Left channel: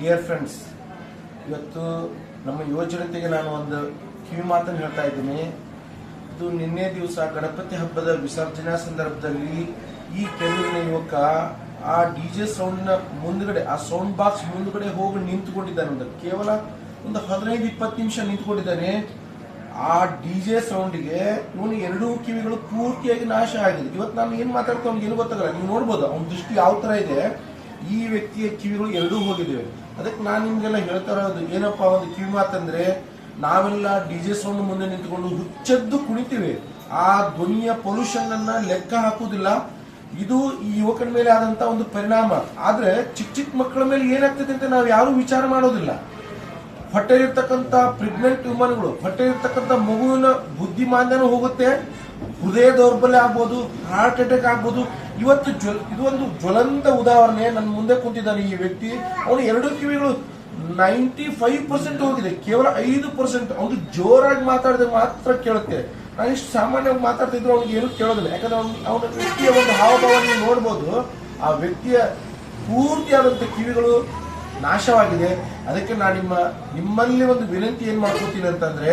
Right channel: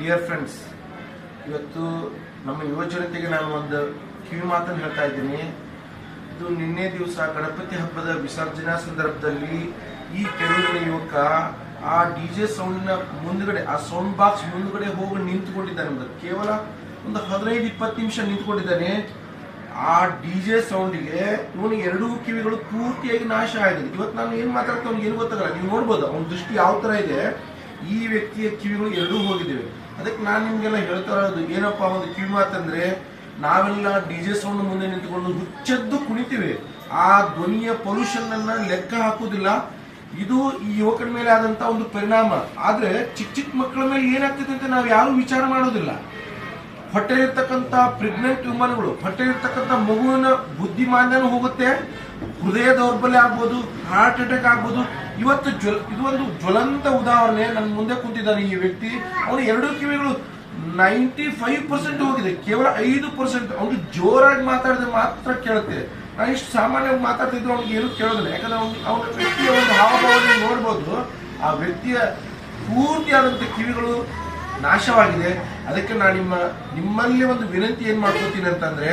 Dear friends, ಇವತ್ತು ನಮ್ಮ ಯುವ ಜನತೆಗೆ ನಾನು ಒಂದು ಕಿವಿ ಮಾತನ್ನು ಹೇಳ್ತಾ ಇದ್ದೀನಿ. ಇದು ನಿನ್ನೆ ದಿವಸ ಗಣಪತಿ ಹಬ್ಬದ ವಿಸರ್ಜನಾ ಸಂದರ್ಭದಲ್ಲಿ ಈ ಕೆರೂರಿನ ಯುವಕ ಆ ಡಿಜೆ ಸೌಂಡಿನ ಮುಂದ್ಗಡೆ, ಆ ಸೌಂಡ್ ಬಾಕ್ಸ್ ಮುಂದ್ಗಡೆ ಹೋಗಿ ನಿಂತುಕೊಂಡಿದ್ದಾನೆ. ಕೇವಲ ಒಂದು 15-20 ನಿಮಿಷ ನಿಂತುಕೊಂಡಿದ್ದಾನೆ. ಆ ಡಿಜೆ ಸೌಂಡಿಗೆ ಇವನು ಎರಡೂ ಕಿವಿಗಳು ಪೂರ್ತಿಯಾಗಿ ನಾಶ ಆಗಿದೆ. ಇವತ್ತು ನಾನು ಏನ್ ಮಾತಾಡ್ತಾ ಅವ್ನಿಗೆ ಏನು ಗೊತ್ತಾಗಲ್ಲ. ನೀವು ನೋಡ್ಬೋದು ಅವನ ದೃಷ್ಟಿ ಯಾವ ತರ ಇದೆ. ಈ ವ್ಯಕ್ತಿಯ ಕಿವಿಗಳು ಎರಡೂ ಹೋಗಿದ್ದೇವೆ. ಅದಕ್ಕೆ ನಾನು ನಿಮ್ಗೆಲ್ಲ ಹೇಳ್ತಾ ಇರೋದು ಏನಪ್ಪಾ ಒಂದು ಕಿವಿ ಮಾತಂದ್ರೆ, ನಾವೆಲ್ಲ ಡಿಜೆ ಸೌಂಡ್ ಮುಂದೆ ನಿಂತುಕೊಂಡು ಹುಚ್ಚೆದ್ದು ಕುಣಿತೀವಿ. ಆ ಧ್ವನಿಯ ಪೊಲ್ಯೂಷನ್ ಅನ್ನ ಲೆಕ್ಕ ಹಾಕುವುದಿಲ್ಲ. ಇದು ಈ ಯುವಕನ ಮೇಲೆ ಆದಂತ ಒಂದು ಪರಿಣಾಮ. ಆದ್ರೆ ಚಿಕ್ಕ ಚಿಕ್ಕ ಮಕ್ಕಳ ಮೇಲೆ ಏನಾಗ್ತದೆ ಅಂತ ನಾವು ಯಾರು ವಿಚಾರ ಮಾಡೋದಿಲ್ಲ. ಹೊಟ್ಟೆಲಿರ್ತಕ್ಕಂಥ ಪ್ರೆಗ್ನೆಂಟ್ ವುಮನ್ಗಳು, ಹೊಟ್ಟೆಲಿರ್ತಕ್ಕಂಥ ಮಗುವಿನ ಬುದ್ಧಿಮಾಂದ್ಯನೂ ಹೋಗುತ್ತೆ, ಹೃದಯ ದೌರ್ಬಲ್ಯ ಆಗ್ಬೋದು, ಹಾರ್ಟ್ ಅಟ್ಯಾಕ್ ಆಗ್ಬೋದು. ಇವತ್ತು ಇದು ಒಂದು ಜ್ವಲಂತ ಉದಾಹರಣೆ. ನನ್ನ ಮುಂದೆ ಕುಂತಿದ್ದಾನೆ ಈ ವ್ಯಕ್ತಿ. ಅವನು ಎರಡು ಕಿವಿಗಳು 95% ಹೋಗಿದೆ, ಕೇವಲ 5% ಅವ್ನಿಗೆ ಜೋರಾಗಿ ಮಾತಾಡಿದ್ರೆ ಮಾತ್ರ ಕೇಳುತ್ತೆ. ನಾನು ಇಷ್ಟು ಸಾಮಾನ್ಯವಾಗಿ ಮಾತಾಡ್ತಿದ್ರು ಅವ್ನಿಗೆ ಏನು ಕೇಳೋದಿಲ್ಲ. ಯಾಕಂದ್ರೆ ಅವನ ವ್ಯಕ್ತಿಯ ಒಂದು ಹಾವಭಾವ ನೋಡ್ಬೋದು. ಆ ವ್ಯಕ್ತಿಯ ಪೂರ್ತಿಯಾದಂಥ ಕಿವಿಗಳು ನಾಶವಾಗಿದೆ. ಅದಕ್ಕೆ ನಾನು ನಿಮ್ಮಲ್ಲಿ ಒಂದು ವಿನಂತಿ ಏನ್ ಮಾಡ್ಕೋತೀನಿ ಅಂತಂದ್ರೆ,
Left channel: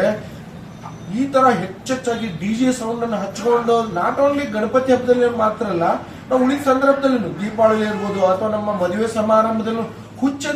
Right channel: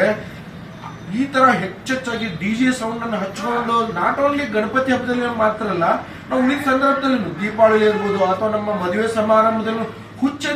ಈ ತರ ಹೆಚ್ಚೆಚ್ಚಾಗಿ ಡಿಜೆ ಸೌಂಡ್ ಅನ್ನು ಹಚ್ಕೊಂಡು ನಾಟ್ ಓನ್ಲಿ ಗಣಪತಿ ಹಬ್ಬದಲ್ಲಿ ಮಾತ್ರ ಅಲ್ಲ, ನಾವು ಉಳಿದ ಸಂದರ್ಭದಲ್ಲಿ ದೀಪಾವಳಿ ಇರ್ಬೋದು ಅಥವಾ ನಮ್ಮ ಮದುವೆ ಸಮಾರಂಭದಲ್ಲೂ ಹುಚ್ಚ